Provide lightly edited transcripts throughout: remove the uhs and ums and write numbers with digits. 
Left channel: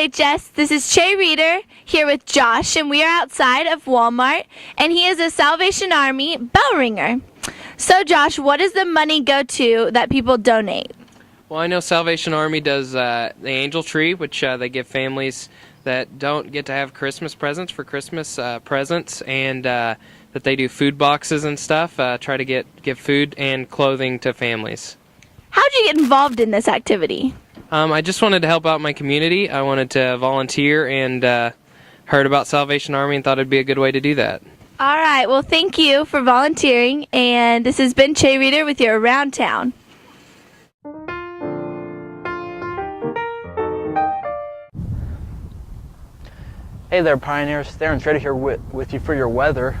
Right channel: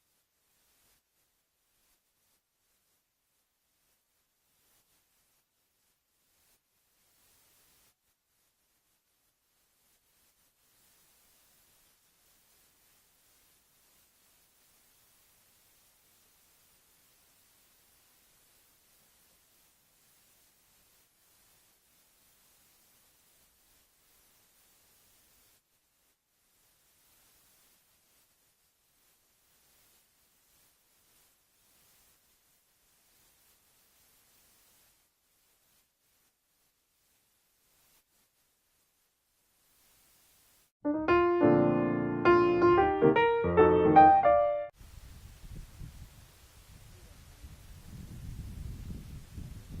SHS. This is Che Reeder here with Josh, and we are outside of Walmart, and he is a Salvation Army bell ringer. So, Josh, what does the money go to that people donate? Well, I know Salvation Army does the Angel Tree, which they give families that don't get to have Christmas presents for Christmas presents, and that they do food boxes and stuff, try to give food and clothing to families. How did you get involved in this activity? I just wanted to help out my community. I wanted to volunteer and heard about Salvation Army and thought it'd be a good way to do that. All right, well, thank you for volunteering, and this has been Che Reeder with your Around Town. Hey there, Pioneers. Darren Schrader here with you for your weather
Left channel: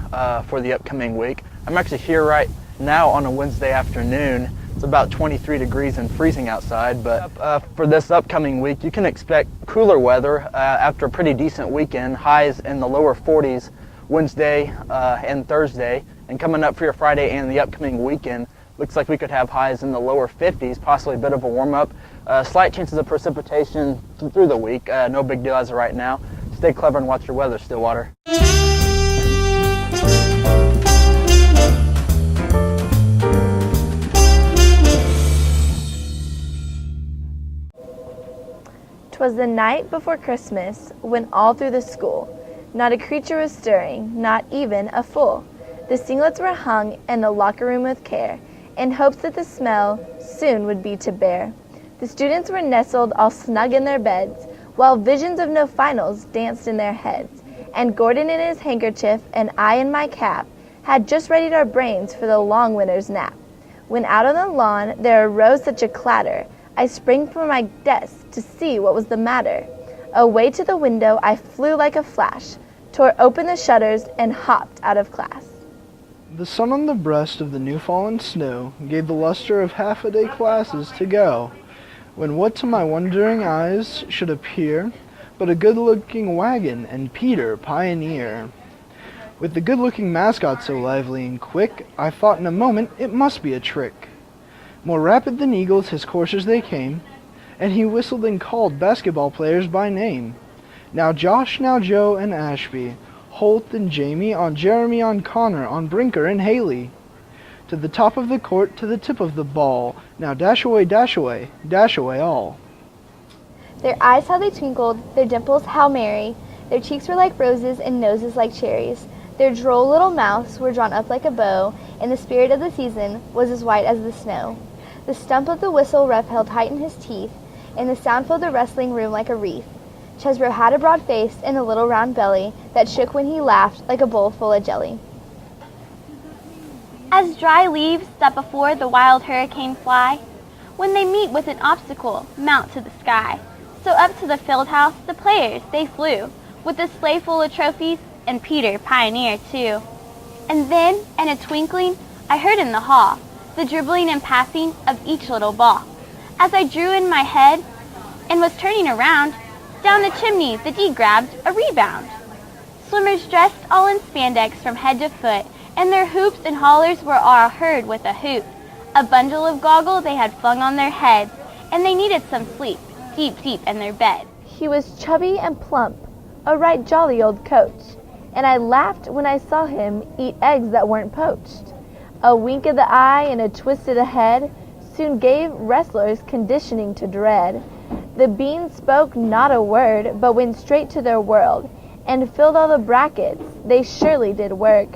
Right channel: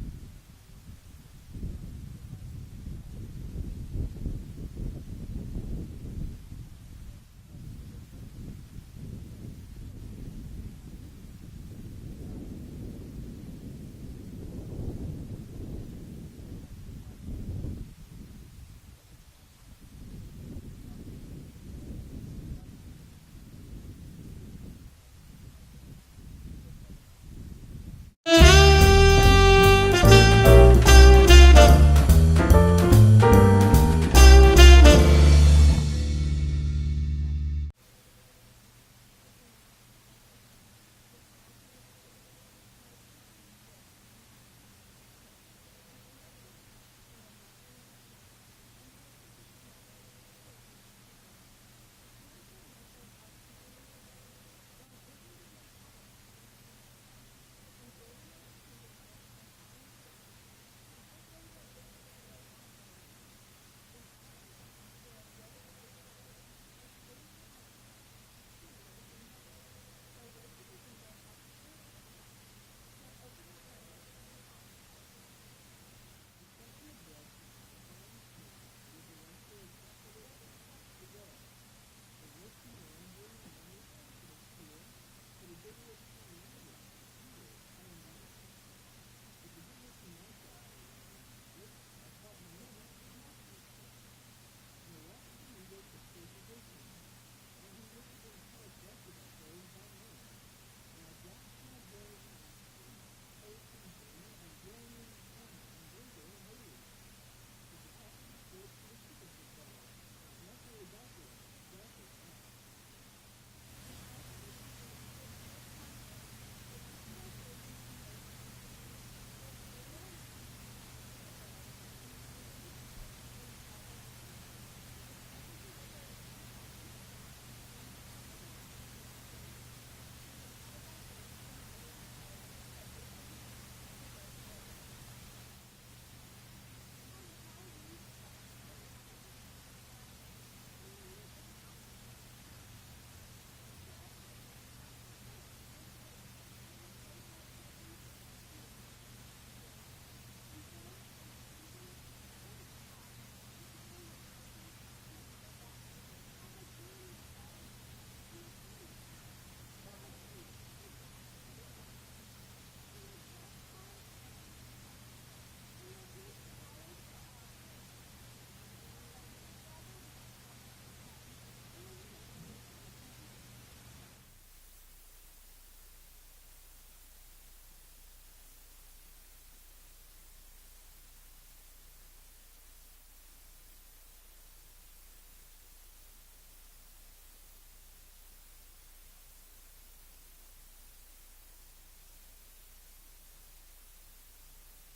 for the upcoming week. I'm actually here right now on a Wednesday afternoon. It's about 23 degrees and freezing outside, but for this upcoming week, you can expect cooler weather after a pretty decent weekend. Highs in the lower 40s Wednesday and Thursday, and coming up for your Friday and the upcoming weekend, looks like we could have highs in the lower 50s, possibly a bit of a warm-up. Slight chances of precipitation through the week. No big deal as of right now. Stay clever and watch your weather, Stillwater. 'Twas the night before Christmas, when all through the school not a creature was stirring, not even a fool. The singlets were hung in the locker room with care, in hopes that the smell soon would be to bear. The students were nestled all snug in their beds, while visions of no finals danced in their heads. And Gordon in his handkerchief, and I in my cap, had just readied our brains for the long winter's nap. When out on the lawn there arose such a clatter, I sprang from my desk to see what was the matter. Away to the window I flew like a flash, tore open the shutters, and hopped out of class. The sun on the breast of the new-fallen snow gave the luster of half-a-day classes to go, when what to my wondering eyes should appear but a good-looking wagon and Peter, pioneer. With the good-looking mascot so lively and quick, I thought in a moment it must be a trick. More rapid than eagles his coursers they came, and he whistled and called basketball players by name. Now Josh, now Joe and Ashby, Holt and Jamie, on Jeremy, on Connor, on Brinker and Haley. To the top of the court, to the tip of the ball, now dash away all. Their eyes how they twinkled, their dimples how merry, their cheeks were like roses and noses like cherries. Their droll little mouths were drawn up like a bow, and the spirit of the season was as white as the snow. The stump of the whistle Ref held tight in his teeth, and the sound filled the wrestling room like a wreath. Chesbro had a broad face and a little round belly that shook when he laughed like a bowl full of jelly. As dry leaves that before the wild hurricane fly, when they meet with an obstacle, mount to the sky. So up to the field house the players they flew, with a sleigh full of trophies, and Peter, pioneer, too. And then, in a twinkling, I heard in the hall the dribbling and passing of each little ball. As I drew in my head and was turning around, down the chimney the D grabbed a rebound. Swimmers dressed all in spandex from head to foot, and their hoops and hollers were all heard with a hoot. A bundle of goggles they had flung on their heads, and they needed some sleep, deep, deep in their bed. He was chubby and plump, a right jolly old coach, and I laughed when I saw him eat eggs that weren't poached. A wink of the eye and a twist of the head soon gave wrestlers conditioning to dread. The beans spoke not a word, but went straight to their world, and filled all the brackets. They surely did work.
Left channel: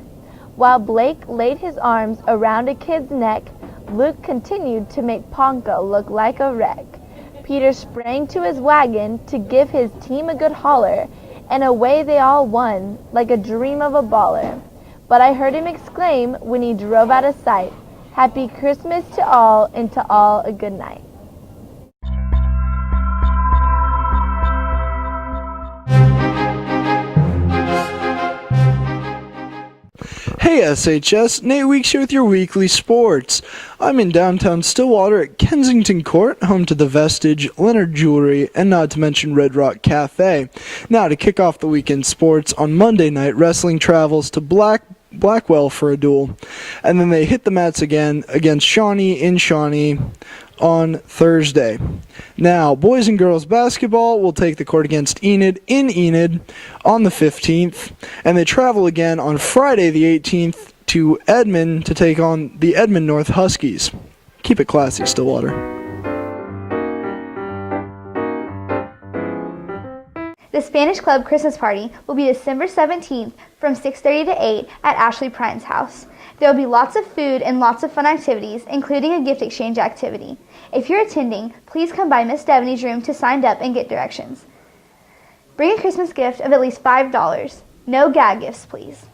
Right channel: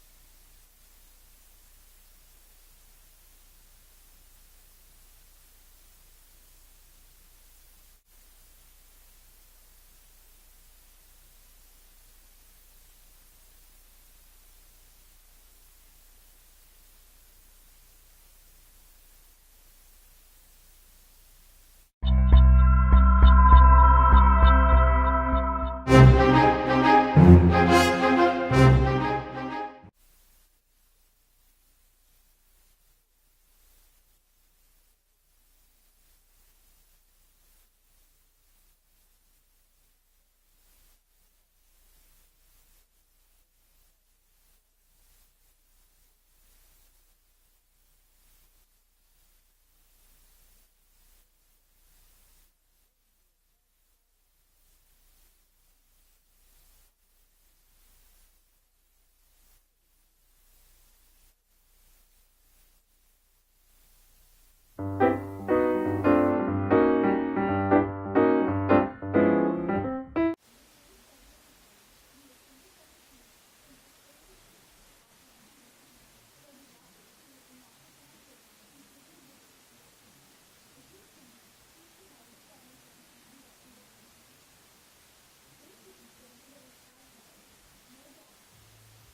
While Blake laid his arms around a kid's neck, Luke continued to make Ponca look like a wreck. Peter sprang to his wagon to give his team a good holler, and away they all won like a dream of a baller. But I heard him exclaim when he drove out of sight, "Happy Christmas to all, and to all a good night." Hey SHS, Nate Weeks here with your weekly sports. I'm in downtown Stillwater at Kensington Court, home to the Vestige, Leonard Jewelry, and not to mention Red Rock Cafe. Now to kick off the weekend sports, on Monday night, wrestling travels to Blackwell for a duel. And then they hit the mats again against Shawnee in Shawnee on Thursday. Now, boys and girls basketball will take the court against Enid in Enid on the 15th, and they travel again on Friday the 18th to Edmond to take on the Edmond North Huskies. Keep it classy, Stillwater. The Spanish Club Christmas party will be December 17th from 6:30 to 8 at Ashley Prine's house. There will be lots of food and lots of fun activities, including a gift exchange activity. If you're attending, please come by Miss Devaney's room to sign up and get directions. Bring a Christmas gift of at least $5. No gag gifts, please.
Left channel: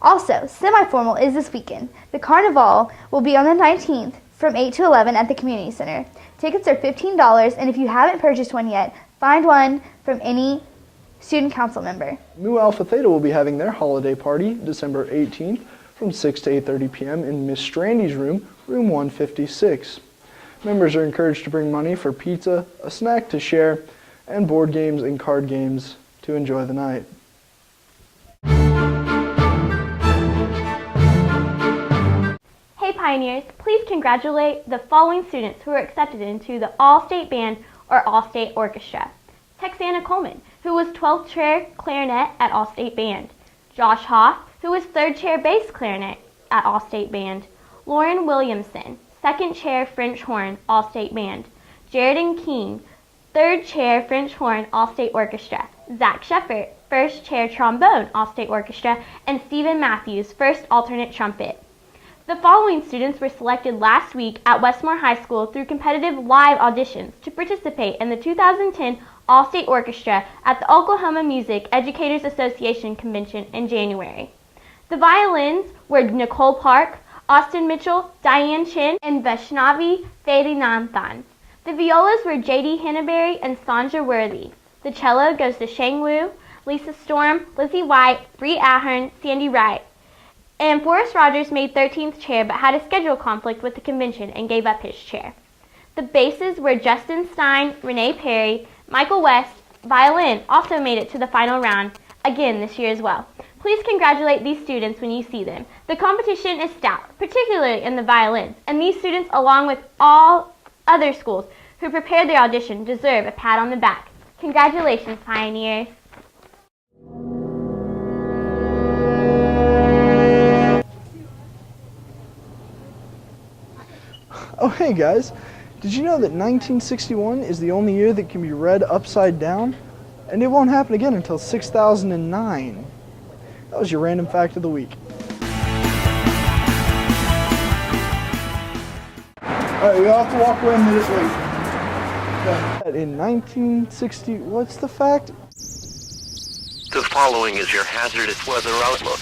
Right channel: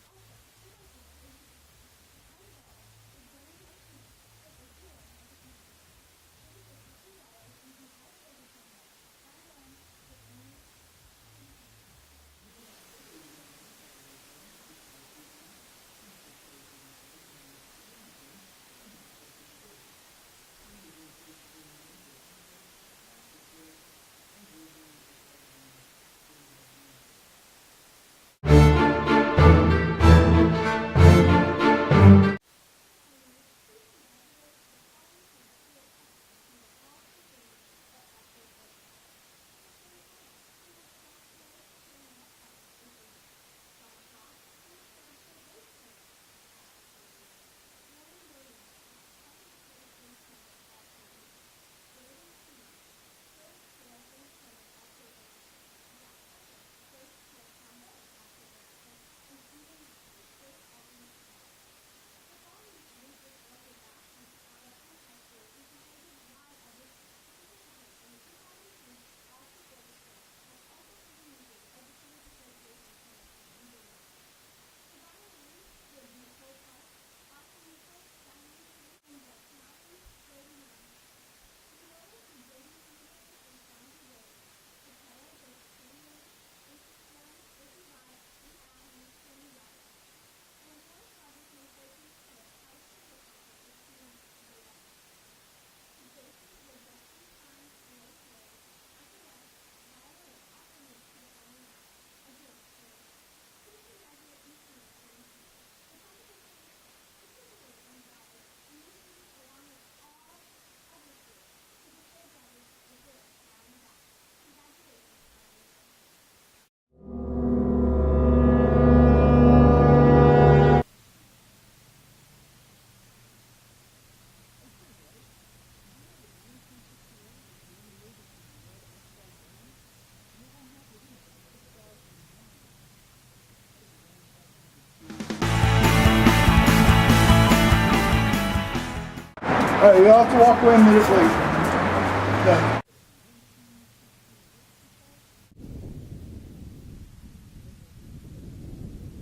Also, semi-formal is this weekend. The Carnival will be on the 19th from 8 to 11 at the Community Center. Tickets are $15, and if you haven't purchased one yet, find one from any student council member. Mu Alpha Theta will be having their holiday party December 18th from 6 to 8:30 p.m. in Miss Strandy's room, room 156. Members are encouraged to bring money for pizza, a snack to share, and board games and card games to enjoy the night. Hey Pioneers, please congratulate the following students who were accepted into the All-State Band or All-State Orchestra. Texana Coleman, who was 12th chair clarinet at All-State Band. Josh Hoff, who was 3rd chair bass clarinet at All-State Band. Lauren Williamson, 2nd chair French horn, All-State Band. Jaredon Keene, 3rd chair French horn, All-State Orchestra. Zach Sheffert, 1st chair trombone, All-State Orchestra. And Stephen Matthews, 1st alternate trumpet. The following students were selected last week at Westmore High School through competitive live auditions to participate in the 2010 All-State Orchestra at the Oklahoma Music Educators Association Convention in January. The violins were Nicole Park, Austin Mitchell, Diane Chin, and Vaishnavi Vedinathan. The violas were J.D. Hannaberry and Sandra Worthy. The cello goes to Shang Wu, Lisa Storm, Lizzie White, Bree Ahern, Sandy Wright. And Forrest Rogers made 13th chair but had a schedule conflict with the convention and gave up his chair. The basses were Justin Stein, Renee Perry, Michael West. Violin also made it to the final round, again this year as well. Please congratulate these students when you see them. The competition is stout, particularly in the violins, and these students, along with all other schools who prepared their audition, deserve a pat on the back. Congratulations, Pioneers! Oh, hey guys, did you know that 1961 is the only year that can be read upside down? And it won't happen again until 6009. That was your random fact of the week. Alright, you'll have to walk away a minute late. In 1960, what's the fact? The following is your hazardous weather outlook.